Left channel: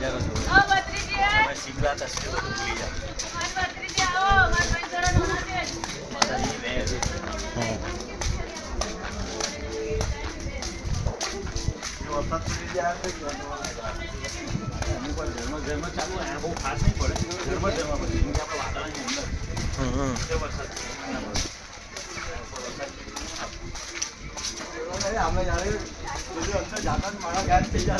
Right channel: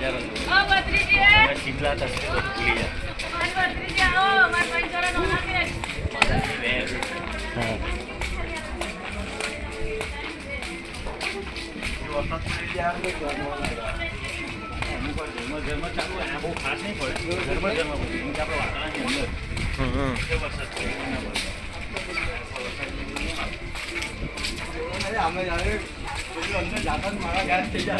નજારો જોવો તમે શિમલા તસવીર બધું ભૂલી જાઓ. અમુક વાર ઝરમર ચાલુ હોય બહુ ખાસ નહીં પડે. ઝરમર પછી કેમ કે આપણે વાતાવરણની અંદર વરસાદ અમે જાણે અંદર જાતા મારા યાદ થઈ જતા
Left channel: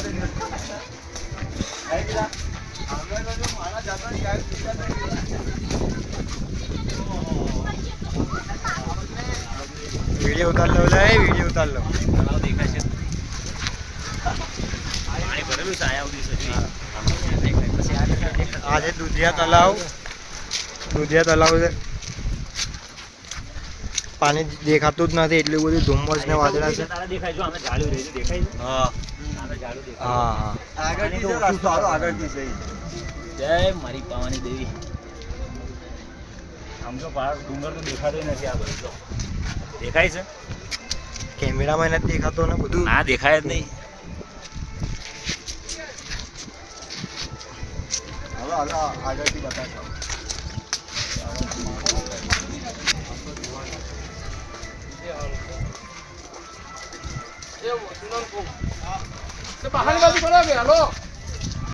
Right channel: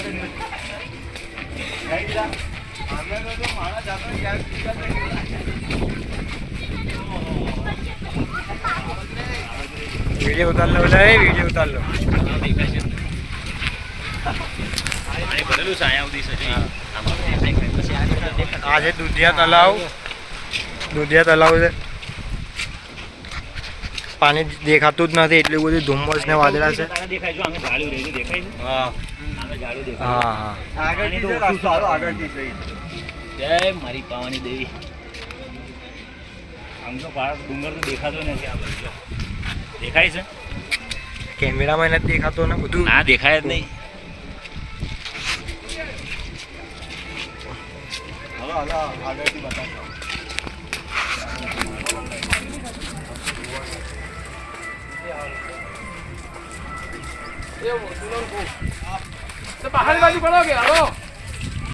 અમે તો મારા જાતા યાદ થઈ જતા. वीडियो उतार लो ला वीडियो उतार लो आज દુધિયા તલાવ છે. પાણી દેખાતું જ નથી એટલું બધું ધુમ્મસ ને વાદળા છે. હા જય મારી પાવાની દેવી. આમ તો ડુંગર તો દેખાતો નથી. દેખાય છે કેમેરામાં નથી દેખાતો ને બધું. હા દેખાય જ નહીં. આગળથી બતાવશો. બાહર બાજુ પડો કે હાલો